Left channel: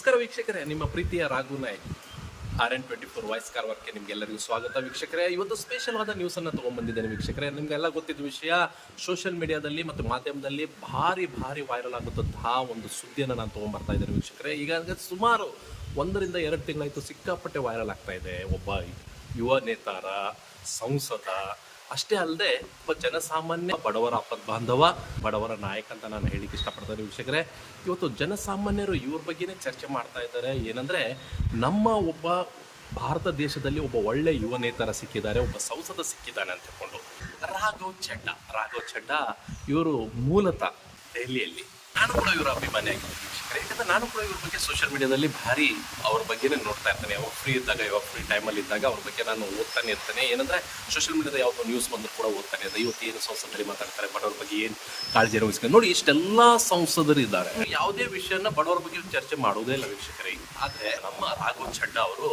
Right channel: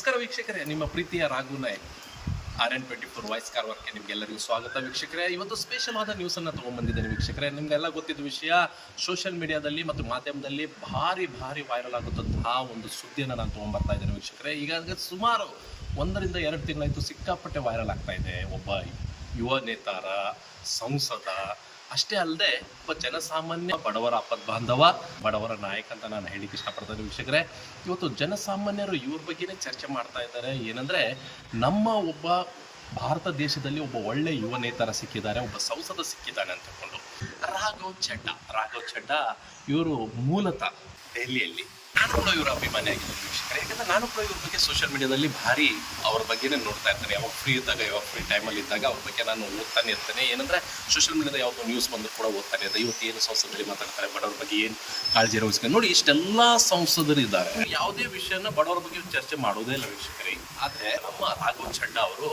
ನಮಸ್ಕಾರ ವೀಕ್ಷಕರೇ, ನಿಮ್ಮ ಪ್ರೀತಿಯ ರಾಘು ನಾಯಕ್ RN24 ವಾಯ್ಸ್ ಕಾರ್ವರ್ಗೆ ನಿಮ್ಗೆಲ್ಲರಿಗೂ ಸ್ವಾಗತ ವೀಕ್ಷಕರೇ. ಇವತ್ತು ಸ್ಪೆಷಲ್ ಆದ ನ್ಯೂಸ್ ಅನ್ನ ತಗೊಂಡ್ಬಂದಿದ್ದೇನೆ ವೀಕ್ಷಕರೇ. ನಿಮ್ಗೆಲ್ಲ ಗೊತ್ತಿದ್ದ ವಿಷಯ, ಸೋಷಿಯಲ್ ಮೀಡಿಯಾದಲ್ಲಿ ಮತ್ತು ಮಾಧ್ಯಮದಲ್ಲಿ ಭಾರಿ ವೈರಲ್ ಆಗುತ್ತಂತಹ ಒಂದು ಸುದ್ದಿಯನ್ನು ನಾನು ತಗೊಂಡ್ಬರ್ತಾ ಇದ್ದೇನೆ ವೀಕ್ಷಕರೇ. ಈಗ ಸುಮಾರು 1 ರಿಂದ 2 ತಿಂಗಳಾಯ್ತು ಸಿಕ್ಕಾಪಟ್ಟೆ ವೈರಲ್ ಆಗ್ತಾ ಇದೆ. ಒಬ್ಬ ಯುವ ನೇತಾರ, ಸಂಸದ, ಅಷ್ಟೇ ಅಲ್ಲದೆ ಒಬ್ಬ ಜನಸಾಮಾನ್ಯ, ಬಡವರ ಬಾಂಧವ, ಬಡವರ ನಾಯಕ ಅಂತ ನಾನು ಹೇಳಿಕ್ಕೆ ಇಷ್ಟಪಡ್ತೇನೆ ವೀಕ್ಷಕರೇ. ಇವತ್ತು ಜನಸಾಮಾನ್ಯರು ಇವ್ರ ಬಗ್ಗೆನೇ ಚರ್ಚೆ ಮಾಡ್ತಾ ಇದ್ದಾರೆ. ಏನಂದ್ರೆ, ನಮ್ಮ ಒಬ್ಬ ಭಾರತ ದೇಶದಲ್ಲಿ ಒಬ್ಬ ಒಳ್ಳೆ ಯುವ ನೇತಾರ ಸಿಕ್ಕಿದ್ದಾರೆ, ಒಬ್ಬ ಸಂಸದ ಸಿಕ್ಕಿದ್ದಾನೆ ಅಂತ ಹೇಳ್ಕೊಂಡು ರಾಘವ್ ಚಡ್ಡಾ ಇವರು ಮೂಲತಃ ದೆಹಲಿಯಲ್ಲಿ. ನಾನು ಕೂಡ ಇವರ ಅಭಿಮಾನಿ ಆಗಿದ್ದೀನಿ ವೀಕ್ಷಕರೇ. ಯಾಕಂದ್ರೆ ನಾನು ಕೂಡ ಇವ್ರ ಬಗ್ಗೆ ಸೋಷಿಯಲ್ ಮೀಡಿಯಾದಲ್ಲಿ ಭಾರಿ ಅವ್ರ ಬಗ್ಗೆನೇ ನೋಡ್ತಾ ಇರ್ತೇನೆ. ಯಾವಾಗ ಫ್ರೀ ಟೈಮಲ್ಲಿ ಇದ್ದಾಗ ಅವ್ರ ಬಗ್ಗೆ ನಾನು ಓದ್ತಾನೆ ಇರ್ತೇನೆ. ಏನಂದ್ರೆ, ಸೋಷಿಯಲ್ ಮೀಡಿಯಾದ ಯಾವ್ದು ನ್ಯೂಸ್ ಬಂದ್ರು ಕೂಡ ಓದ್ತಾನೆ ಇದ್ದೆ. ಇವತ್ತು ಏನು ಸಂಸದರಲ್ಲಿ ಮಾತಾಡ್ತಾರೆ, ಬಡವರ ಬಗ್ಗೆ ಏನು ಕಾಳಜಿ ವಹಿಸ್ಕೊಂಡು ನೋಡಿ, ಇಷ್ಟೆಲ್ಲಾ ಸಂಸದರು ಇದ್ದಾರೆ. ಯಾವುದೇ ವಿಷಯನ ಬಡವರ ಬಗ್ಗೆ ಚರ್ಚೆ ಮಾಡೋದೇ ಇಲ್ಲ ವೀಕ್ಷಕರೇ. ಆದ್ರೆ ನಮ್ಮ ರಾಘವ್ ಚಡ್ಡಾ ಅವರು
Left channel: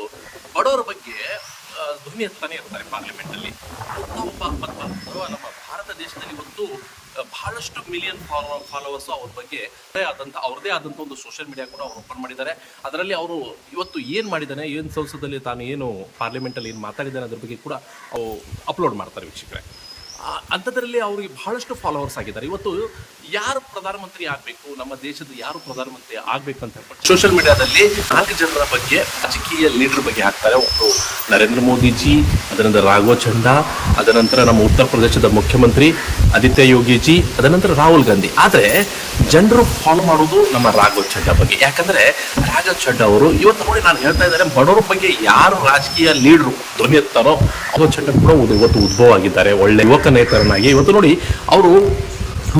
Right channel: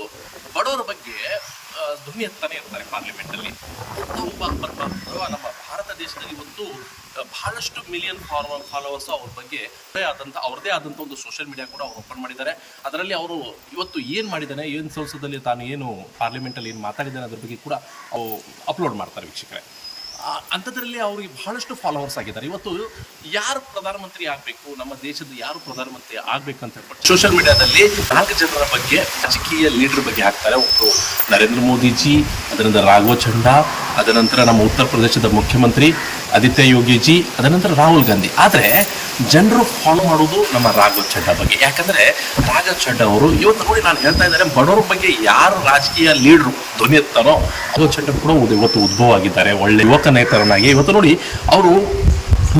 ಬಡವರ ಬಗ್ಗೆ ಧ್ವನಿ ಎತ್ತಾನೆ ಇರ್ತಾರೆ ಪಾರ್ಲಿಮೆಂಟ್ ಅಲ್ಲಿ. ನಮ್ಮ ಭಾರತ ದೇಶದಲ್ಲಿ ಇವತ್ತು ಬಹಳಷ್ಟು ಮಿಲಿಯನ್ ಫಾಲೋವರ್ಸ್ ಅವ್ರ ಬಗ್ಗೆ ಅವ್ರದೇ ಆದಂತ ಒಂದು ಸೋಷಿಯಲ್ ಮೀಡಿಯಾ ಕೂಡ ಅವ್ರು ಓಪನ್ ಮಾಡಿದ್ದಾರೆ. ಅದರಲ್ಲಿ ಅವರು ಇವತ್ತು ಏನ್ ಮಾಡಿದ್ದಾನೆ, ಏನ್ ಸಂಸದಲ್ಲಿ ತಾನು ಏನು ಪಾರ್ಲಿಮೆಂಟ್ ಅಲ್ಲಿ ಏನ್ ಮಾತಾಡಿದ್ದಾನೆ ಅದ್ರ ಬಗ್ಗೆ ಕೂಡ ಅಪ್ಲೋಡ್ ಮಾಡ್ತಾರೆ ವೀಕ್ಷಕರೇ. ಅಂಥದ್ರಲ್ಲಿ ಅವ್ರಿಗೆ ಬಹಳಷ್ಟು ಫಾಲೋವರ್ಸ್ ಆಗಿದ್ದಾರೆ. ಇವತ್ತು ಯಾರು ಪ್ರಧಾನಮಂತ್ರಿ ಆಗ್ಬೇಕು, ನಮ್ಮ ದೇಶದ ಯಾರು ಪ್ರಧಾನಮಂತ್ರಿ ಆಗ್ಬೇಕು ಅಂತ ಹೇಳ್ಬಿಟ್ಟು ಸೋಷಿಯಲ್ ಮೀಡಿಯಾದಲ್ಲಿ 4 ಜನರ ಬಗ್ಗೆ, ರಾಜಕೀಯ ಲೀಡರ್ ಬಗ್ಗೆ ಹಾಕ್ತಾರೆ. ಒಬ್ಬರು ನರೇಂದ್ರ ಮೋದಿಜಿ, ಅದರ ರಾಘವ್ ಚಡ್ಡಾ, ಅದನಂತರ ನಮ್ಮ ಉತ್ತರ ಪ್ರದೇಶದ ಮುಖ್ಯಮಂತ್ರಿ ಆದಿತ್ಯ ಯೋಗಿಜಿ, ಅದನಂತರ ರಾಹುಲ್ ಗಾಂಧಿ. ಆದ್ರೆ ಜನರು ಫಾಲೋ ಮಾಡುವುದು ನಮ್ಮ ರಾಘವ್ ಚಡ್ಡಾ ಬಗ್ಗೆ. ಯಾಕಂದ್ರೆ ರಾಘವ್ ಚಡ್ಡಾ ಅವರು ಇವತ್ತು ನೋಡಿ, ನಾನು ಹೇಳ್ತಾ ಇದ್ದಾರೆ, ಬಡವರ ಬಗ್ಗೆ ಯಾರು ರಾಜಕೀಯ ಲೀಡರು ಧ್ವನಿ ಎತ್ತಾರೋ ರಾಘವ್ ಚಡ್ಡಾ ಕೂಡ ಇವತ್ತು ಉದ್ಭವ ಆಗಿದ್ದಾರೆ. ಒಳ್ಳೆ ಯುವಕ ನೇತಾರನಾಗಿ ಇವತ್ತು ನೋಡಿ, ಅವರು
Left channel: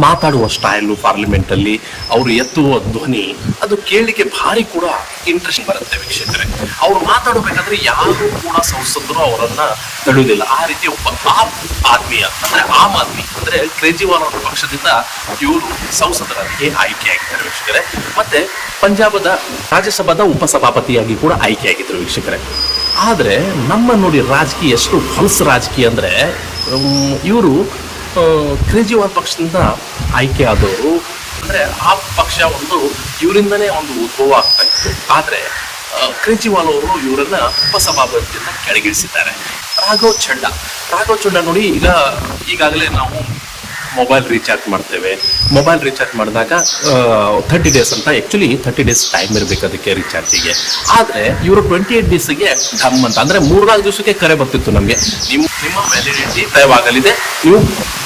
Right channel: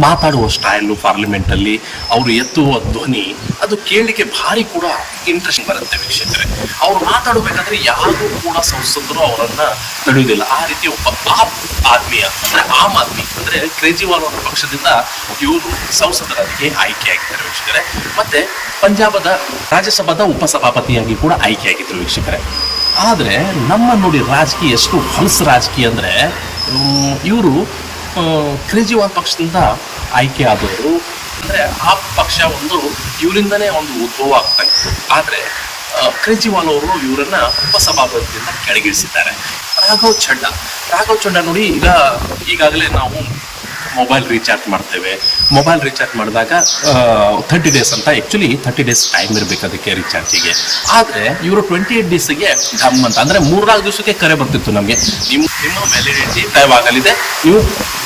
ಮಾತಾಡುವ ಸ್ಟೈಲು, ಪಾರ್ಲಿಮೆಂಟ್ ಅಲ್ಲಿ ಅವರು ಎತ್ತುವ ಧ್ವನಿ, ಅದು ಕೇಳಲಿಕ್ಕೆ ಭಾರಿ ಕೂಡ ಇಂಟ್ರೆಸ್ಟಿಂಗ್ ಬರುತ್ತೆ ವೀಕ್ಷಕರೇ. ಅವ್ರು ಮಾತಾಡಬೇಕಾದ್ರೆ ಯಾರು ಕೂಡ ಸಂಸದರು ಅವರನ್ನ ತಡೆಯುವುದಿಲ್ಲ. ಆ ರೀತಿ ಒಬ್ಬ ಆಮ್ ಆದ್ಮಿ ಅಂದ್ರೆ ಕೇಜ್ರಿವಾಲ್ ಅವರ ಪಕ್ಷದಿಂದ ಇವರು ಸಂಸದರಾಗಿ ಆಯ್ಕೆಯಾಗಿದ್ದಾರೆ ವೀಕ್ಷಕರೇ. ಮತ್ತೆ ಪಂಜಾಬದ ರಾಜ್ಯಸಭಾದ ಉಪಸಭಾಪತಿಯಾಗಿ ಕೂಡ ಆಯ್ಕೆಯಾಗಿದ್ದರು ವೀಕ್ಷಕರೇ. ಆದ್ರೆ ನಮ್ಮ ನೋಡಿ ರಾಜಕೀಯ ಎಷ್ಟು ಹೊಲಸು ರಾಜಕೀಯ ಅಂದ್ರೆ, ಇವರು ಕೇಜ್ರಿವಾಲ್ ಪಕ್ಷದಿಂದ ಆಯ್ಕೆ ಆದವರು. ಅಂದ್ರೆ ಆ ಪಕ್ಷ ಒಂದು ಇವರಿಂದನೇ ಒಂದು ಉದ್ಭವ ಆಗ್ತಾ ಇತ್ತು. ಆದ್ರೆ ಕೇಜ್ರಿವಾಲ್ ಅವರು ಇವರನ್ನ ಉಪಸಭಾಪತಿಯಿಂದ ಕೆಳಗಿಳಿಸಿದ್ದಾರೆ. ರಾಘವ್ ಚಡ್ಡಾ ನೋಡಿ, ಈಗಾಗಲೇ ನಾವು ಮೊಬೈಲ್ ರೀಚಾರ್ಜ್ ಮಾಡ್ತೇವೆ. ಮೊಬೈಲ್ ರೀಚಾರ್ಜ್ ಮಾಡಿದಾಗ 30 ಡೇಸ್ ಅಂತ, ಆಕ್ಚುಲಿ 30 ಡೇಸ್ ಟೈಮ್ ಇರಬೇಕು ಅದಕ್ಕೆ ರೀಚಾರ್ಜಿಗೆ. ಆದ್ರೆ ಇವರು 28 ಡೇಸ್ಗೆ ಢಮ್ ಅಂತ, ಅಂದ್ರೆ 3-4 ದಿವಸಕ್ಕೆ ಕರೆ ಬರ್ತಿತ್ತು ನಮಗೆ, ನಿಮ್ಮ ವ್ಯಾಲಿಡಿಟಿ ತಯವಾಗಲಿದೆ, ನೀವು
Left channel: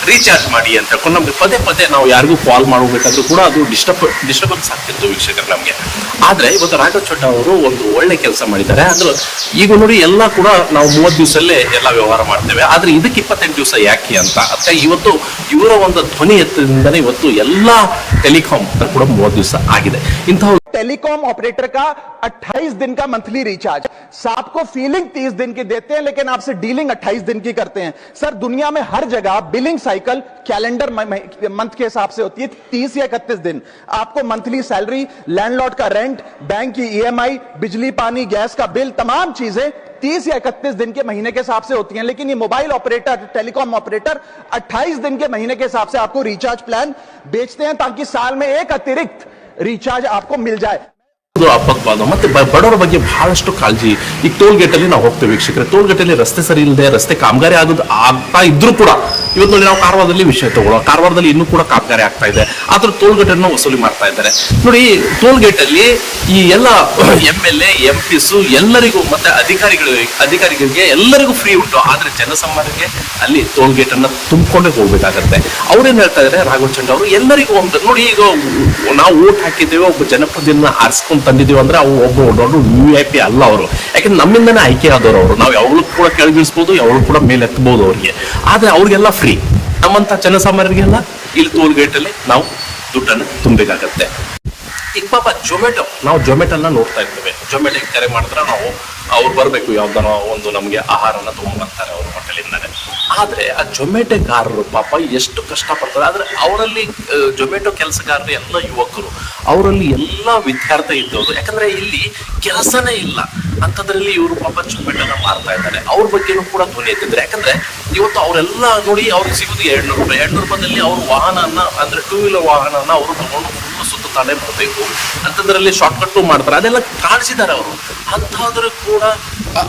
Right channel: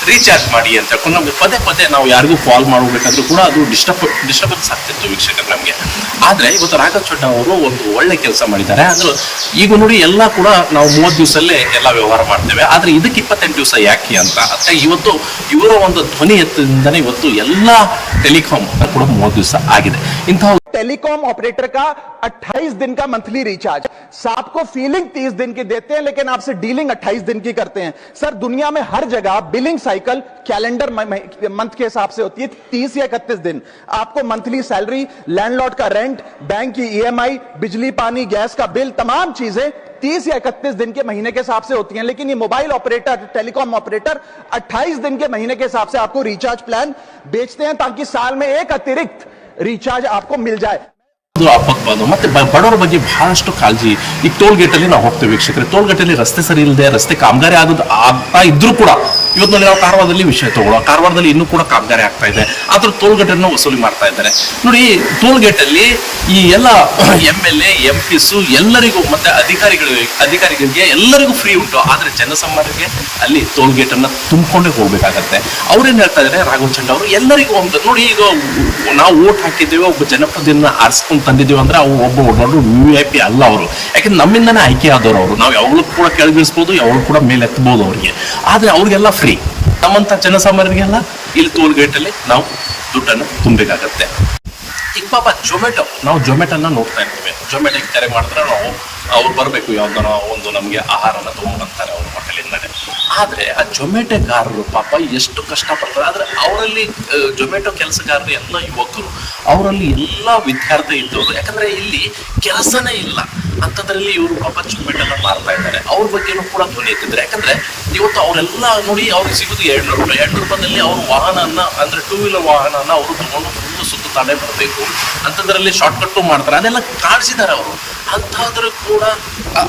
ರೀಚಾರ್ಜ್ ಮಾಡಿ ಅಂತ. ನಮ್ಗೆ ಪದೇ ನಾವು ಯಾರಿಗೂ ಕಾಲ್ ಮಾಡಬೇಕಾದ್ರೂ ಕೂಡ ಅದು ಡಿಸ್ಟರ್ಬೆನ್ಸ್ ಆಗ್ತಿತ್ತು ವೀಕ್ಷಕರು ನಮ್ಗೆ. ಆದ್ರೆ ಇವತ್ತು ರಾಘವ್ ಚಡ್ಡಾ ಅವರು ಒಂದು ಒಳ್ಳೆ ಕೆಲಸ ಮಾಡಿದ್ದಾರೆ. ಅಂದ್ರೆ ಈಗ ನೋಡಿ, ಎಲ್ಲ ಕೂಡ ನಾವು 30 ದಿವಸಲ್ಲೇ ಎಲ್ಲ ವ್ಯವಹಾರ ಮಾಡ್ತೇವೆ. ಆದ್ರೆ ಇದಕ್ಕೆ 28 ದಿವಸ ಯಾಕೆ ಅಂತ, ಅದಕ್ಕೆ ಇವತ್ತು ಇವರ ಒಂದು ಧ್ವನಿ ಎತ್ತದಿಂದನೇ ಇವತ್ತು ಎಲ್ಲಾ ಟೆಲಿಕಾಂ ಕೂಡ 30 ದಿವಸ ಆಗಿದೆ. ಇಂತಹ टेलीकॉम ऑपरेटर का 28 दिन का मंथली रिचार्ज, आपको फीलिंग 30 दिन की देते हैं, लेकिन आपसे डीलिंग 28 दिन की करते हैं। सर, दुनिया में हर जगह बिलिंग साइकिल कैलेंडर मंथ के हिसाब से होती है, 30 या 31 दिन। आपको मंथली सैलरी, लैंडलॉर्ड का रेंट, बैंक की EMI, बिजली पानी गैस का बिल, तमाम चीजें 30 या 31 दिन के महीने के हिसाब से होती हैं। लेकिन ये मोबाइल ऑपरेटर, टेलीकॉम ऑपरेटर 28 दिन के महीने के हिसाब से आपको रिचार्ज प्लान बेचते हैं, ताकि साल में एक अतिरिक्त रिचार्ज आपको मिल जाए। ಆಪತ್ಬಾಂಧವ ಮತ್ತೆ ಬಡವರ ಬಗ್ಗೆ ಬಹಳಷ್ಟು ಕಾಳಜಿ. ಈಗ ಟೋಲ್ ಗೇಟ್ ಅಲ್ಲಿ ನಾವು ಹೋಗ್ತೇವೆ ವೀಕ್ಷಕರೇ, ಟೋಲ್ ಗೇಟ್ ಅಲ್ಲಿ ರಸ್ತೆ ಸರಿ ಇಲ್ಲದೆ, ರಸ್ತೆ ಕಾಮಗಾರಿ ಆಗ್ತಾ ಇದ್ರು ಕೂಡ, ಇವತ್ತು ನೋಡಿ ನಾವು ಕಾರವಾರದಲ್ಲಿ ವಿಷಯ ತಗೊಳ್ಳೋ, ಕಾರವಾರದಲ್ಲಿ ಇನ್ನೂ ಕೂಡ ಕಾಮಗಾರಿ ಆಗ್ತಾ ಇದೆ, ಆದ್ರೂ ಟೋಲ್ ಗೇಟ್ ಅನ್ನು ವಸೂಲಿ ಮಾಡ್ತಾ ಇದ್ದಾರೆ ನೋಡಿ. ಟೋಲ್ ಗೇಟ್ ಅಲ್ಲಿ ಈ ಎಲ್ಲ MLA MPs ಎಲ್ಲರಿಗೂ ಮತ್ತೆ ಅಧಿಕಾರಿಗಳಿಗೆ ಎಲ್ಲರಿಗೂ ಫ್ರೀ ಉಂಟು. ಆದ್ರೆ ಜನಸಾಮಾನ್ಯರಿಗೆ ಅಲ್ಲಿ ಟೋಲ್ ಗೇಟ್ ಅನ್ನ ತುಂಬಿಕೊಂಡೇ ಹೋಗ್ಬೇಕಾಗತ್ತೆ. ಅವ್ರೇನ್ ಹೇಳ್ತಾ ಇದಾರೆ ರಾಘವ್ ಚಡ್ಡಾ ಅವರು, ಎಲ್ಲರಿಗೂ ಒಂದು ನೋಡಿ, ಈಗ ನಾವು ಓಟ್ ಹಾಕಿದ್ದೇವೆ, ಒಬ್ಬ ಜನಪ್ರತಿನಿಧಿನ ಆರಿಸ್ಕೊಂಡು ತಂದಿದ್ದೀವಿ ಅಂದ್ರೆ ಅವು ಒಬ್ಬ ದೊಡ್ಡ VIP ಅಲ್ಲ ಅವರು. ಯಾಕಂದ್ರೆ ನಮ್ಮಿಂದನೇ ಆಯ್ಕೆ ಆದವರು ಅವರು. ನಾವು ಯಾವಾಗಲೂ ಕೂಡ ಕೆಳಗಿಳಿಸಬಹುದು, ಯಾವಾಗಲೂ ಕೂಡ ಮೇಲೆ ಎತ್ತಬಹುದು ಅವರಿಗೆ. ಆದ್ರೆ ಅವ್ರಿಗೆಲ್ಲ ಫ್ರೀ. ನಮ್ಮಂತ ಜನಸಾಮಾನ್ಯರಿಗೆಲ್ಲ ಇಲ್ಲಿ ಟೋಲ್ ಗೇಟ್ ಅಲ್ಲಿ ನಾವು ದುಡ್ಡನ್ನು ತುಂಬಬೇಕಾಗತ್ತೆ. ಈಗ ಪಾಪ ನಾವು ಜೊಮ್ಯಾಟೋನ ನೋಡ್ತಾ ಇರ್ತೇವೆ. ಜೊಮ್ಯಾಟೋಗೆ ಕರೆ ಮಾಡಿದ್ರೆ ನಾವು ಅವ್ರು ಬರಬೇಕು, ಯಾವ್ದಾರ ಒಂದು ನಮಗೆ ಆಹಾರನ ತಗೊಂಡ್ಬರ್ತಾರೆ ಅವ್ರ ಹೋಟೆಲಿಂದಾನೆ. ಆದ್ರೆ ಆ ಜೊಮ್ಯಾಟೋಗಾರರು ಪಾಪ ಎಷ್ಟು ಕಷ್ಟಪಡ್ತಾರೆ. ಆದ್ರೆ ಅವರಲ್ಲಿ ಜೊಮ್ಯಾಟೋ ಕೆಲಸಗಾರರು ಎಲ್ಲ ಯುವಕರು, ಅವರಲ್ಲಿ ಎಲ್ಲ ವಿದ್ಯಾರ್ಥಿ ಇದ್ದವರು. ಯಾಕಂದ್ರೆ ಇಲ್ಲಿ ಕೆಲಸನೇ ಇಲ್ಲ ಅಂತದ್ರಲ್ಲಿ ಇವರು ಪಾಪ ಜೊಮ್ಯಾಟೋನ ಮಾರ್ತಾ ಇದ್ದಾರೆ. ಅವ್ರ ಬಗ್ಗೆನೂ ಕೂಡ ಧ್ವನಿ ಎತ್ತಿದ್ರೆ. ಯಾಕಂದ್ರೆ ಇವತ್ತು ಅವರೆಲ್ಲ ನೋಡಿ, ಅವ್ರಿಗೆ ಸಿಗುದು 200 ರೂಪಾಯಿ. 200 ರೂಪಾಯಿನಲ್ಲಿ ಅವ್ರ ವಾಹನನ, ಅಂದ್ರೆ 2 ವೀಲರ್ ವಾಹನನ ಅವರು ತಗೊಂಡು ಫುಲ್ ಸುತ್ತ ತಾನೇ ಬರಬೇಕು ಅಂತದ್ರಲ್ಲಿ ಶಾರ್ಟ್ಕಟ್ ಮಾಡ್ತಾರೆ, ಅದೆಲ್ಲ ಕಾಣಿಸಿದ್ದಾರೆ ಅವರು. ಅಂತಹದ್ರು ಕೂಡ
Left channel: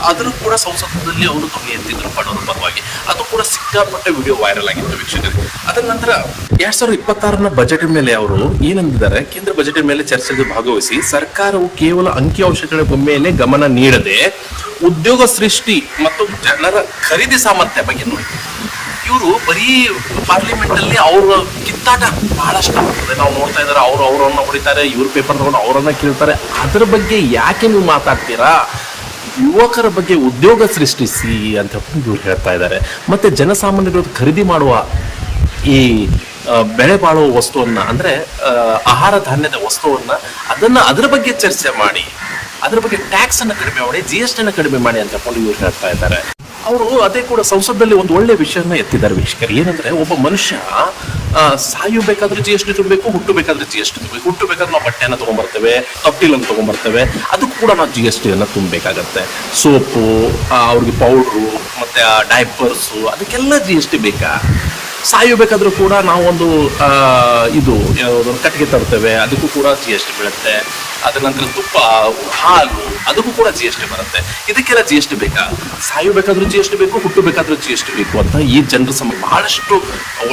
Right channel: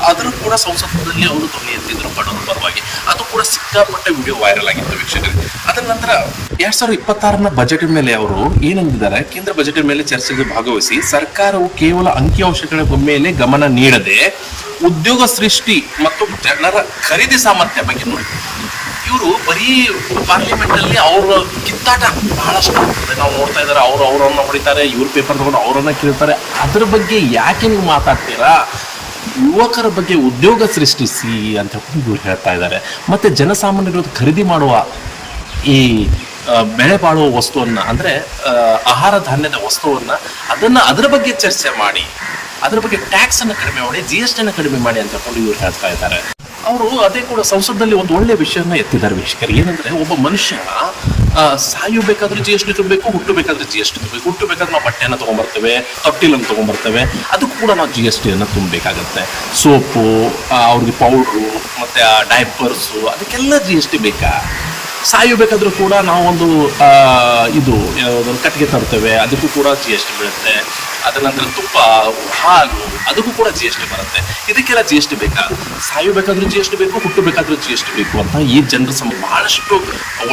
ಆದರೂ ಕೂಡ ಸಂಸದದಲ್ಲಿ ಅವರು ಧ್ವನಿ ಎತ್ತಿದ್ರು ಬಡವರ ಪರವಾಗಿ. ಅದು ಕೂಡ ಸಿಕ್ಕಾಪಟ್ಟೆ ವಿಡಿಯೋ ವೈರಲ್ ಆಗಿತ್ತು ವೀಕ್ಷಕರೇ. ಅದರ ನಂತರ 2026ರ ಬಜೆಟ್ ಮೇಲೆ ಅವರು ಏನಂದಿದ್ದಾರೆ, ಕೇಂದ್ರ ಬಜೆಟ್ ಮೇಲೆ ಚರ್ಚೆಗೆ ಭಾಗವಹಿಸಿ ಸರ್ಕಾರವು ಕೇವಲ ಅಂಕಿಅಂಶಗಳ ಮೇಲೆ ಗಮನ ನೀಡದೆ ಉದ್ಯೋಗ ಸೃಷ್ಟಿ ಮತ್ತು ಜನರ ಖರೀದಿ ಸಾಮರ್ಥ್ಯ ಬಗ್ಗೆ ನೋಡಿ. ಇವರು ಬರೀ ಪಾರ್ಲಿಮೆಂಟ್ ಅಲ್ಲಿ ಅವ್ರ ಕಿತ್ತಾಟ ಬಹಳಷ್ಟು ಆಗ್ತದೆ. ನಾವು ನೋಡ್ತಾ ಇದ್ದಾರೆ, ಅವ್ರನ್ನ ಹೊಡಿತಾರೆ, ಇವ್ರ ಪೇಪರ್ ತಗೊಂಡು ಅವರನ್ನ ಕೇಳ್ತಾರೆ. ಅದ್ರ ಬಗ್ಗೆ ಯಾಕೆ ನೀವು ಮಾತಾಡ್ತೀರಾ? ಯುವಕರ ಬಗ್ಗೆ ಉದ್ಯೋಗ ಸೃಷ್ಟಿಸಿ ಅಂತ ಇವ್ರು ಹೇಳ್ತಾ ಇದ್ದಾರೆ. ಮತ್ತೆ ಜನಸಾಮಾನ್ಯರು ಖರೀದಿ ಮಾಡುವ ಈ ಬೆಳೆ ಬಾಳುವ ವಸ್ತುವನ್ನ, ಅಂದ್ರೆ ಆಹಾರ ಧಾನ್ಯದ ವಸ್ತುವನ್ನ, ಅದರ ಬಗ್ಗೆ ಚರ್ಚೆ ಮಾಡಿ, ಅದರ ಬಗ್ಗೆ ಟ್ಯಾಕ್ಸ್ ಅನ್ನ ಕಡಿಮೆ ಮಾಡಿ, GST ಅನ್ನ ಕಡಿಮೆ ಮಾಡಿ ಅಂತ ಇವ್ರು ಹೇಳ್ತಾ ಇದ್ದಾರೆ. ಅವರು ಅದೇ ಕೂಡ ಸಂಸದಲ್ಲಿ ಒಂದು ಒಳ್ಳೆ ವಿಷಯನ ಎತ್ತಿದ್ದಾರೆ ವೀಕ್ಷಕರು. ಏನಂದ್ರೆ, ಒಬ್ಬ ಮನುಷ್ಯ ಸಾಯಬೇಕಾದ್ರೆ GST ತುಂಬಬೇಕು, ಹುಟ್ಟಬೇಕಾದ್ರೆ GST ತುಂಬಬೇಕು. ಹುಟ್ಟಬೇಕಾದ್ರೆ ನಾವು ಬಟ್ಟೆಯನ್ನ ತಗೊಂಡ್ಬರ್ತೇವೆ, ತೊಟ್ಟಿಲನ್ನು ತಗೊಂಡ್ಬರ್ತೇವೆ, ಅದಕ್ಕೂ ಕೂಡ ನಾವು GST ಅನ್ನ ತುಂಬಬೇಕಾಗತ್ತೆ. ಸೋಪು, ಅವ್ರಿಗೆ ಪೌಡ್ರು, ಮತ್ತೆ ಆ ಡೈಪರ್ಸು, ಅದಕ್ಕೆಲ್ಲ GST ಬೇಕಾ? ಸಾಯಬೇಕಾದ್ರೂ ಕೂಡ ನಾವು ಒಂದು ಕಟ್ಟಿಗೆ ತರ್ತೇವೆ, ಅದಕ್ಕೂ ಕೂಡ GST ಬೀಳುತ್ತೆ. ಅದರ ನಂತರ ತುಪ್ಪ, ಹಾಲು, ಅದಕ್ಕೂ ಕೂಡ GST ಬರುತ್ತೆ. ಇದಕ್ಕೆಲ್ಲ GST ಬೇಕಾ? ಸಾಯಬೇಕಾದ್ರೂ GST ಬೇಕು, ಹುಟ್ಟಬೇಕಾದ್ರೂ GST ಬೇಕು ಅಂತ ಈ ಜನರ ಬಹಳಷ್ಟು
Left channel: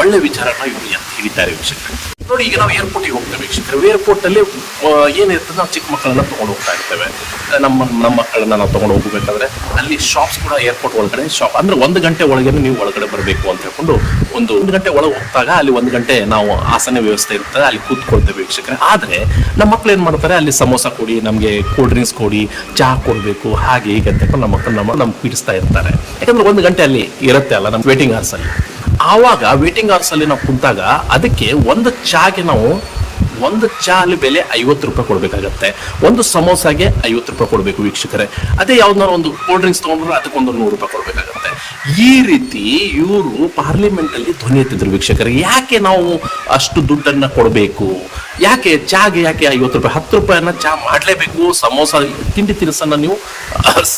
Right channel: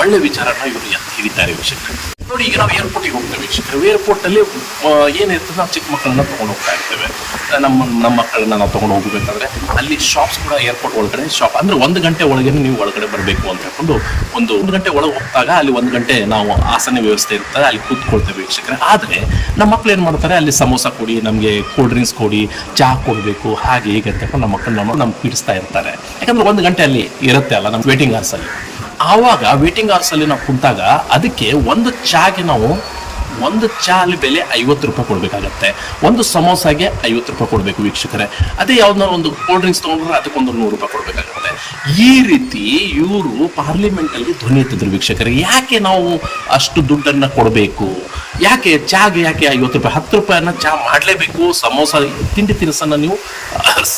ಒಳ್ಳೆ ವಿಚಾರನ ಇವರು ಎತ್ತಿ ಹಿಡಿತಾರೆ ವೀಕ್ಷಕರೇ. ನೋಡಿ, ಈಗ ನಾವು ಏರ್ಪೋರ್ಟ್ಗೆ ಹೋಗ್ತೇವೆ ವೀಕ್ಷಕರು. ಏರ್ಪೋರ್ಟ್ ಅಲ್ಲಿ ಏನಿರ್ತದೆ, ನಾವು ಚಿಕ್ಕ ಮಕ್ಕಳನ್ನ ತಗೊಂಡು ಹೋಗ್ತಾ ಇರ್ತೇವೆ. ನಮ್ಮ ಮಕ್ಕಳನ್ನ ನಾವು ತಗೊಂಡು ಹೋಗಬೇಕಾದ್ರೆ ಅಲ್ಲಿ ಶಾಪ್ಸ್ ಕೂಡ ಏರ್ಪೋರ್ಟ್ ಒಳಗಡೆ ಶಾಪ್, ಅಂದ್ರೆ 1 ಗಂಟೆ ಒಳಗೆ ನೀವು ಒಳಗಡೆ ಬರಬೇಕು ಅಂತ ಹೇಳ್ಕೊಂಡು ಒಂದು ಗಂಟೆ ಒಳಗೆ ಹೋಗ್ತಾಗ ಅಲ್ಲಿ 1 ಗಂಟೆ ನಾವು ಆಸನ ವ್ಯವಸ್ಥೆ ಇರ್ತದೆ, ಅಲ್ಲಿ ಕೂತ್ಕೊಳ್ತೇವೆ ವೀಕ್ಷಕರೇ. ಆದ್ರೆ ನಮ್ಮ ಮಕ್ಳು ಏನ್ ಮಾಡ್ತಾರೆ, ಅಲ್ಲಿ ಸಮೋಸ ಕೊಡಿ, ನಮ್ಗೆ ಕೂಲ್ ಡ್ರಿಂಕ್ಸ್ ಕೊಡಿ, ಚಹಾ ಕೊಡ್ಬೇಕು, ಹಾಗೆ ಹೀಗೆ ಅಂತ ನಮ್ಮ ಮಕ್ಕಳನ್ನ ನಮ್ಗೆ ಪೀಡಿಸ್ತಾ ಇರ್ತಾರೆ. ಯಾಕಂದ್ರೆ 1 ಗಂಟೆ ಅಲ್ಲಿ ಇರುತ್ತೆ ಅಲ್ಲ ನಮ್ಮ ವೇಟಿಂಗ್ ಅವರ್ಸ್ ಅಲ್ಲಿ. ಆವಾಗ ವೇಟಿಂಗ್ ಅವರ್ಸ್ ಅಲ್ಲಿ ನಾವು ಕುಂತಾಗ ಅದಕ್ಕೆ ಒಂದು ಚಾಗೆ ನಾವು ಒಂದು ಚಾ ಅಲ್ಲಿ ಬೆಲೆ 50 ರೂಪಾಯಿ ಕೊಡ್ಬೇಕಾಗತ್ತೆ. ಒಂದು ಸಮೋಸಾಗೆ 50 ರೂಪಾಯಿ ಕೊಡ್ಬೇಕು ವೀಕ್ಷಕರೇ. ಅದೇ ಯಾವ್ದಾದ್ರು ಒಂದು ಕೋಲ್ಡ್ ಡ್ರಿಂಕ್ಸ್ ತಗೊಂಡ್ರೆ ಅದಕ್ಕೊಂದು 100 ರೂಪಾಯಿ ಕೊಡ್ಬೇಕಾಗತ್ತೆ. ಈ ರೀತಿ ಇವರು ಪಾರ್ಲಿಮೆಂಟ್ ಅಲ್ಲಿ ಧ್ವನಿ ಎತ್ತಿದ್ರು ವೀಕ್ಷಕರೇ. ಯಾಕೆ ನಾವು ಅಷ್ಟು ದುಡ್ಡನ್ನ ಕೊಡಬೇಕು? ಯಾಕೆ ಚಾಗೆ ಯಾಕೆ 50 ರೂಪಾಯಿ? 10 ರೂಪಾಯಿನ ಚಾ ಮಾಡ್ಲೇಬೇಕು. ಸಮೋಸ ತಿಂಡಿ ತಿನಿಸನ್ನ ನೀವು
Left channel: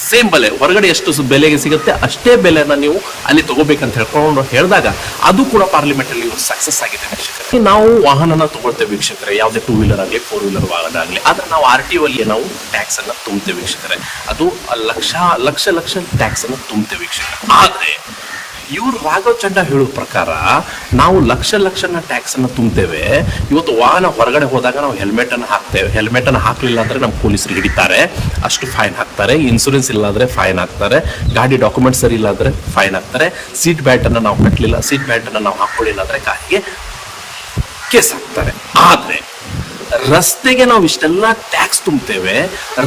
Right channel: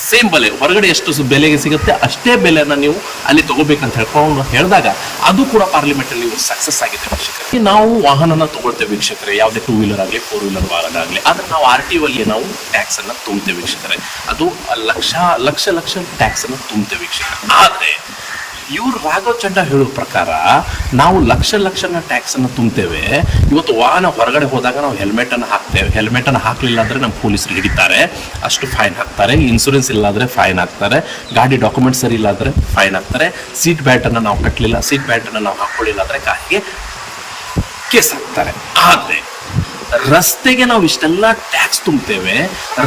ಸೇಮ್ ಬೆಲೆ, ಹೊರಗಡೆ ಎಷ್ಟು ಬೆಲೆಗೆ ಸಿಗುತ್ತೆ ಅಷ್ಟೇ ಬೆಲೆನ ನೀವು ಅಲ್ಲಿ ತಗೋಬೇಕಂತ ಹೇಳ್ಕೊಂಡು ಹೇಳಿದಾಗ ಅದು ಕೂಡ ಪಾರ್ಲಿಮೆಂಟ್ ಅಲ್ಲಿ ಸಕ್ಸಸ್ ಆಗಿದೆ ವೀಕ್ಷಕರೇ. ನಾವು ವಾಹನನ ತಗೊಳ್ತೇವೆ ವೀಕ್ಷಕರೇ, ಯಾವುದೇ 2 ವೀಲರ್ ಆಗಲಿ 4 ವೀಲರ್ ವಾಹನ ಆಗಲಿ. ಆದ್ರೆ ನಾವು RTO ಅಲ್ಲಿ ನಾವು ಟ್ಯಾಕ್ಸ್ ಅನ್ನ ತುಂಬುತ್ತೇವೆ ವೀಕ್ಷಕರೇ. ಅದು ಲಕ್ಷ ಟ್ಯಾಕ್ಸ್ ಅನ್ನ ತುಂಬುತ್ತೇವೆ ವೀಕ್ಷಕರೇ. ಆದ್ರೆ ಇವ್ರು ರಾಘವ್ ಚಂಡಾ ಹೇಳೋ ಪ್ರಕಾರ ನಾವು ಲಕ್ಷನ ಟ್ಯಾಕ್ಸ್ ಅನ್ನ ತುಂಬುತ್ತೇವೆ. ಇವತ್ತು ವಾಹನ ಹೊರಗಡೆ ಹೋದಾಗ ನಾವು ಹೆಲ್ಮೆಟ್ ಅನ್ನು ಹಾಕ್ತೇವೆ. ಹೆಲ್ಮೆಟ್ ಅನ್ನು ಹಾಕ್ಲಿಲ್ಲ ಅಂದ್ರೆ ನಮ್ಮ ಪೊಲೀಸರು ಹಿಡಿತಾರೆ, ಅಷ್ಟು ಫೈನ್ ಹಾಕ್ತಾರೆ. ಇನ್ಸೂರೆನ್ಸ್ ಇಲ್ಲ ಅಂದ್ರೆ ಫೈನ್ ಹಾಕ್ತಾರೆ. ಗಾಡಿ ಡಾಕ್ಯುಮೆಂಟ್ ಸರಿ ಇಲ್ಲ ಅಂದ್ರೆ ಫೈನ್ ಹಾಕ್ತಾರೆ. ಸೀಟ್ ಬೆಲ್ಟ್ ಅನ್ನ ನಾವು ಕಟ್ಟಲಿಲ್ಲ, ಸೀಟ್ ಬೆಲ್ಟ್ ಅನ್ನ ನಾವು ಹಾಕೊಳ್ಳಿಲ್ಲ ಅಂದ್ರೆ ಕಾರಿಗೆ ಕೇಸ್ ಹಾಕ್ತಾರೆ. ಆದ್ರೆ ರಸ್ತೆಗೆ ನಾವು ಇಷ್ಟೆಲ್ಲ ಟ್ಯಾಕ್ಸ್ ತುಂಬುತ್ತೇವೆ,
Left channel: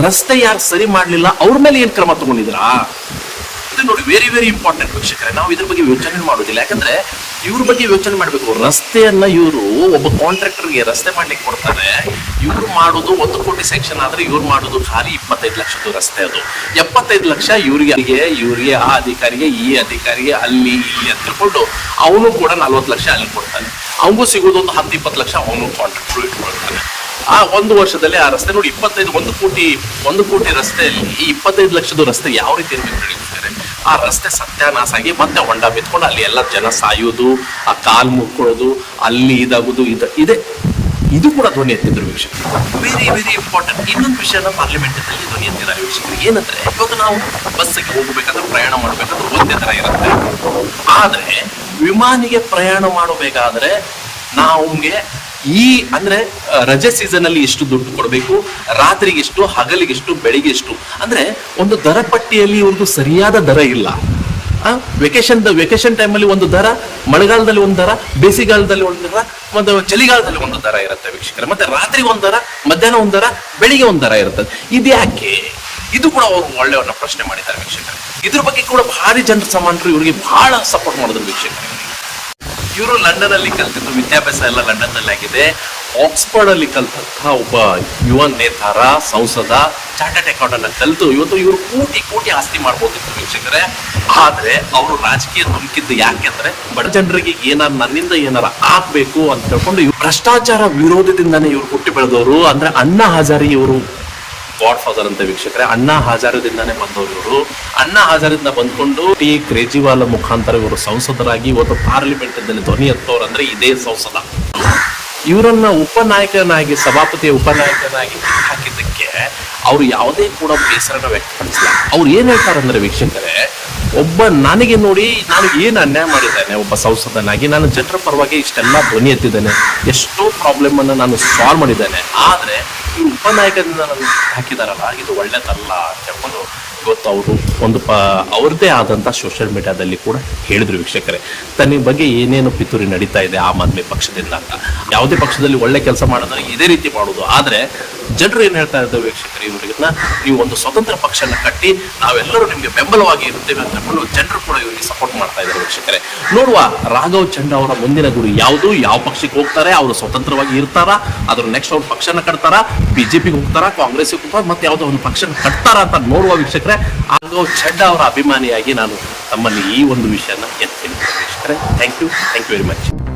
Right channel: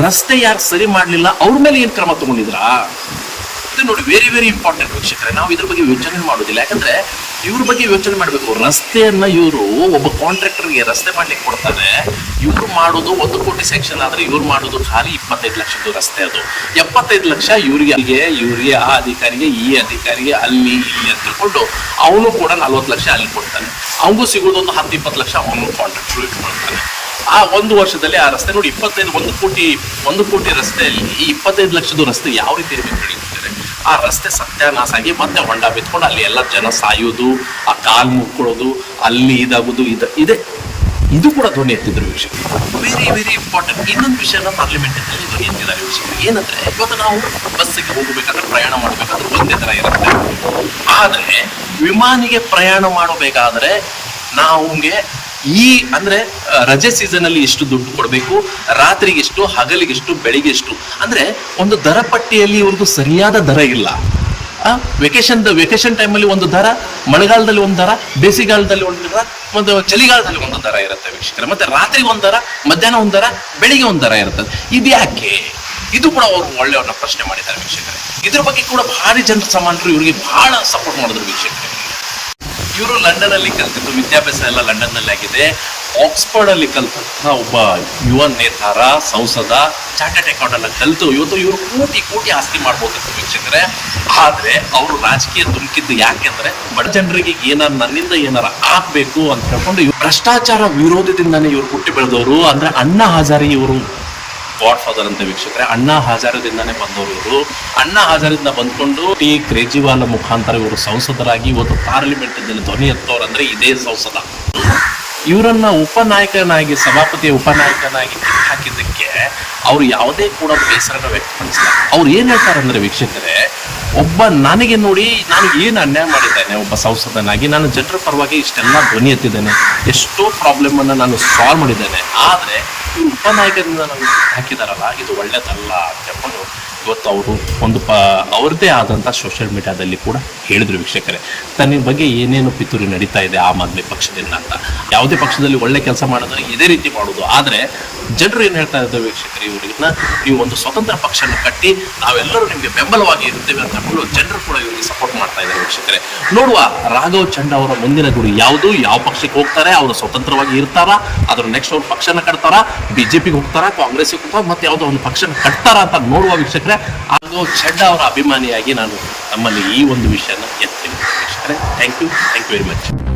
ರಸ್ತೆ ಯಾರು ಸರಿ ಮಾಡ್ಲಿಲ್ಲ ಅವ್ರ ಮೇಲೆ ಏನ್ ಕ್ರಮ ತಗೊಂಡಿದ್ರಾ? ನೋಡಿ, ವೆರಿ ವೆರಿ ಇಂಪಾರ್ಟೆಂಟ್ ವೀಕ್ಷಕರೇ. ನಾವು ಇದ್ರ ಬಗ್ಗೆ ಯೋಚನೆ ಮಾಡೋದಿಲ್ಲ. ಯಾಕಂದ್ರೆ ಇವ್ರ ಬಗ್ಗೆ ಯೋಚನೆ ಮಾಡ್ಬೇಕು. ರಸ್ತೆಯನ್ನ ಇವರು ಒಬ್ಬ ಕಾಂಟ್ರಾಕ್ಟರ್ಗೆ ರಸ್ತೆ ಮಾಡ್ಲಿಕ್ಕೆ ಕೊಡ್ತಾರೆ. ಇವ್ರು ಮಾಡೋದು 1 ಕೋಟಿ ಸೆಕ್ಷನ್ ಆದ್ರೆ ಇವ್ರು ಮಾಡೋದು ಖಾಲಿ 25 ಲಕ್ಷದ ರಸ್ತೆ. ಅದು 75 ಲಕ್ಷ ಇವ್ರಿಗೆ ಆ ಅಧಿಕಾರಿಗೆ, ಈ ಅಧಿಕಾರಿಗೆ, ಅಲ್ಲಿ ಇಲ್ಲಿ ಅಂತ ತಿಳ್ಕೊಂಡು ಅವನು ಕೂಡ 40 ಲಕ್ಷ ಅಲ್ಲಿ ಕೊಡ್ತಾನೆ. ಅವನಿಗೂ ಸಿಗೋದು ಒಂದು 10-20 ಲಕ್ಷ ಅವನು ಕಾಂಟ್ರಾಕ್ಟರ್ ಇಟ್ಕೊಳ್ತಾನೆ. ಆ 1 ವರ್ಷದಲ್ಲಿ ಆ ರಸ್ತೆ ನೋಡಿ 1 ಕೋಟಿ ರಸ್ತೆಯಲ್ಲಿ 25 ಲಕ್ಷದ ರಸ್ತೆ ಯಾವ ರೀತಿ ಇರಬೇಕು? ಆ ರಸ್ತೆ ಸತ್ಯಾನಾಶ ಆಗಿ ಮತ್ತೆ ಹೊಂಡ ಬಿತ್ಕೊಂಡು ಅಲ್ಲಿ ಎಲ್ಲ ಜನ ಸಾಯೋದು, ಆ ಕಾಲ್ ಮುಕ್ಕೊಳ್ಳೋದು, ಅಲ್ಲಿ ಇದಾಗೋದು, ಇದು ಕೂಡ ಧ್ವನಿ ಎತ್ತಿದ್ರು ವೀಕ್ಷಕರು. Very very important. ಇನ್ನೊಂದು ವಿಷಯನ ಪಾರ್ಲಿಮೆಂಟ್ ಅಲ್ಲಿ ಧ್ವನಿ ಎತ್ತಿದ್ದಾರೆ ವೀಕ್ಷಕರು. ಏನಂದ್ರೆ, ಇವತ್ತು ನಾವು ಬಸ್ಸಿಗೆ ಹೋಗಬೇಕಾದ್ರೆ, ಪ್ರಯಾಣ ಮಾಡಬೇಕಾದ್ರೆ ಒಂದೇ ತರ ಇರುತ್ತೆ. ಆದ್ರೆ ವಿಮಾನಿಗೆ ಪ್ರಯಾಣ ಮಾಡಬೇಕಾದ್ರೆ ನಮ್ಗೆ ಅಂದ್ರೆ ರಜೆ ಸೀಸನ್ ಅಲ್ಲಿ ಎಷ್ಟು ದುಡ್ಡು ಕೊಡಬೇಕು, ರಾತ್ರಿಗೆ ಎಷ್ಟು, ಹಗಲಿಗೆ ಎಷ್ಟು, ಬೆಳಿಗ್ಗೆ ಎಷ್ಟು, ಅಂದ್ರೆ ಒಂದು ದರ ಪಟ್ಟಿಯಲ್ಲಿ ಇವ್ರದ್ದು ಸರಿಯಾದ ದರ ಇಲ್ಲ. ವೆಕೇಶನ್ ಟೈಮಲ್ಲಿ ಒಂದು ದರ, ಮಳೆಗಾಲದಲ್ಲಿ ಒಂದು ದರ, ಬೇಸಿಗೆಗಾಲದಲ್ಲಿ ಒಂದು ದರ, ಒಂದು ಚಳಿಗಾಲದಲ್ಲಿ ಒಂದು ದರ ಇರುತ್ತೆ ವೀಕ್ಷಕರೇ. ಮತ್ತೆ ರಾತ್ರಿ ಒಂದು ದರ, ಮಧ್ಯಾಹ್ನ ಒಂದು ದರ, ಬೆಳಿಗ್ಗೆ ಒಂದು ದರ ಇರ್ತದೆ. ಇದ್ಯಾಕೆ? ಇದು ಕೂಡ ಅವರು ಒಳ್ಳೆಯವನ್ನ ಪ್ರಶ್ನೆ ಮಾಡಿದ್ದಾರೆ ವೀಕ್ಷಕರೇ. ಇದ್ರ ಬಗ್ಗೆ ಕೂಡ ಭಾರಿ ಜನರ ಸಾಮಾನ್ಯರು ಇವರಿಗೆ ಬಹಳ ಸಪೋರ್ಟ್ ಮಾಡಿದ್ರು ವೀಕ್ಷಕರೇ. ಇವರು ಲಂಡನ್ ಅಲ್ಲಿ ಕಲ್ತಿದ್ದು, ವಿದ್ಯಾಭ್ಯಾಸ ಎಲ್ಲ ಲಂಡನ್ ನಲ್ಲಿ ಆಗಿದೆ. ಆಕ್ಸ್ಫರ್ಡ್ ಅಲ್ಲಿ ಕಲ್ತಂತಹ ಒಬ್ಬ ಯುವ ನೇತಾರ, ಸಂಸದ, ಚಾರ್ಟರ್ಡ್ ಅಕೌಂಟ್ ಕಲಿತು ಇವತ್ತು ಇವರು ಕೋಟಿ ಆಸ್ತಿ ಮಾಡ್ಬೋದು ವೀಕ್ಷಕರೇ. ಆದ್ರೆ ಅವರು ರಾಜಕೀಯ ಧುಮುಕಿದ್ದು ಯಾಕೆಂದ್ರೆ ಬಡ ಜನರಿಗೆ ನನ್ನಿಂದ ಏನಾರ ಆಗ್ಬೇಕು ಅಂತ ಹೇಳ್ಕೊಂಡು ಭ್ರಷ್ಟಾಚಾರ ವಿರೋಧದಿಂದಾನೇ ಇವರು ಹುಟ್ಟಿ ಬೆಳೆದವರು. ಅಂದ್ರೆ ಅಣ್ಣಾ ಹಜಾರಿಗೆ ಇವರು ಗಾಡ್ ಫಾದರ್ ಅಂತ ವೀಕ್ಷಕರೇ. ಅಣ್ಣಾ ಹಜಾರದಿಂದಾನೇ ಬಂದವರು ಇವರು. ಅಣ್ಣಾ ಹಜಾರದಿಂದ ಬಂದ್ಕೊಂಡು ಕೇಜ್ರಿವಾಲ್ ಮುಖಾಂತರ ಇವರು ಸಂಸದರಾಗಿ ಇವತ್ತು ಪಾರ್ಲಿಮೆಂಟ್ ಧ್ವನಿ ಎತ್ತೋರು ಅಂದ್ರೆ ಇದೇ ಸಂಸದ. ಇವರನ್ನ ಉಪನಾಯಕನಾಗಿ ಸಭಾಪತಿಯ ಉಪನಾಯಕನಾಗಿ ಹಾಕಿದ್ದಕ್ಕೆ ಅವ್ರು ಯಾವುದೇ ಕೂಡ ಬೇಸರನ ವ್ಯಕ್ತಪಡಿಸಿಲ್ಲ. ಅವ್ರು ಏನ್ ಹೇಳ್ತಾರಂದ್ರೆ ವೀಕ್ಷಕರೇ, ಒಬ್ಬ ನನಗೆ ನೋಡಿ ನಾನು ಏನು ಅನ್ಯಾಯ ಮಾಡಿದ್ದೇನೆ, ಒಬ್ಬ ಸಂಸದನಾಗಿ ನಾನು ಜನರ ಪರವಾಗಿ ಇಷ್ಟೆಲ್ಲ ಧ್ವನಿ ಎತ್ತಿದ್ದೇನೆ, ಎಷ್ಟೋ ಪ್ರಾಬ್ಲಮ್ ಅನ್ನ ನಾನು ಸಾಲ್ವ್ ಮಾಡಿದ್ದೇನೆ, ಆದ್ರೆ ಇವ್ರು ಉಪನಾಯಕರನ್ನ ನಾನು ಹಾಕಿದಾರಲ್ಲ ಇದು ಒಳ್ಳೇದಲ್ಲ ಅಂತ ಹೇಳ್ಕೊಂಡು ಇವತ್ತು ಅವರು ಒಂದು ಅವ್ರದ್ದೇ ಆದಂತ ಸೋಷಿಯಲ್ ಮೀಡಿಯಾದಲ್ಲಿ ಕೂಡ ಹೇಳಿದ್ರು ವೀಕ್ಷಕರೇ. ತನ್ನ ಬಗ್ಗೆ ಏನೇನು ಪಿತೂರಿ ನಡೀತಾ ಇದೆ ಆಮ್ ಆದ್ಮಿ ಪಕ್ಷದಿಂದ ಅಂತ. ಯಾವುದೇ ಪಕ್ಷದಲ್ಲಿ ಒಳ್ಳೆ ಕೆಲಸ ಮಾಡೋದ್ರೆ ಇದೇ ರೀತಿ ಮಾಡುದು, ಆದ್ರೆ ಜನರು ಏನ್ ಹೇಳ್ತಾ ಇದ್ದಾರೆ ವೀಕ್ಷಕರೇ, ಇವ್ರಿಗನ್ನ ನೀವು ಒಂದು ಸ್ವತಂತ್ರ ಪಕ್ಷನ ಕಟ್ಟಿ ನಾವೆಲ್ಲರೂ ನಿಮ್ಗೆ ಬೆಂಬಲವಾಗಿ ಇರ್ತೇವೆ ಅಂತ ಹೇಳಿ ಜನರು ಕೂಡ ಇವರಿಗೆ ಸಪೋರ್ಟ್ ಮಾಡ್ತಾ ಇದ್ದಾರೆ ವೀಕ್ಷಕರೇ. ನೋಡುವ ರಾಘವ್ ಚಂಡ್ ಅವರ ಮುಂದಿನ ಗುರಿ ಯಾವುದು, ಯಾವ ಪಕ್ಷಕ್ಕೆ ಹೋಗ್ತಾರೆ, ಅವರು ಸ್ವತಂತ್ರವಾಗಿ ಇರ್ತಾರ, ಅದ್ರ ನೆಕ್ಸ್ಟ್ ಅವ್ರ ಪಕ್ಷನ ಕಟ್ತಾರ, ಬಿಜೆಪಿಗೆ ಹೋಗ್ತಾರ, ಕಾಂಗ್ರೆಸ್ಗೆ ಹೋಗ್ತಾರ, ಮತ್ತೆ ಯಾವ್ದೋ ಒಂದು ಪಕ್ಷನ ಕಟ್ತಾರ ಅಂತ ನೋಡುವ ವೀಕ್ಷಕರೇ. ರಾಘವ್ ಚಂಡ್ ಅವರ ಅಭಿಮಾನಿಯಾಗಿ ನಾನು ತಮ್ಮಲ್ಲಿ ಈ ಒಂದು ವಿಷಯನ ಎತ್ತೀನಿ ವೀಕ್ಷಕರೇ. Thank you very much.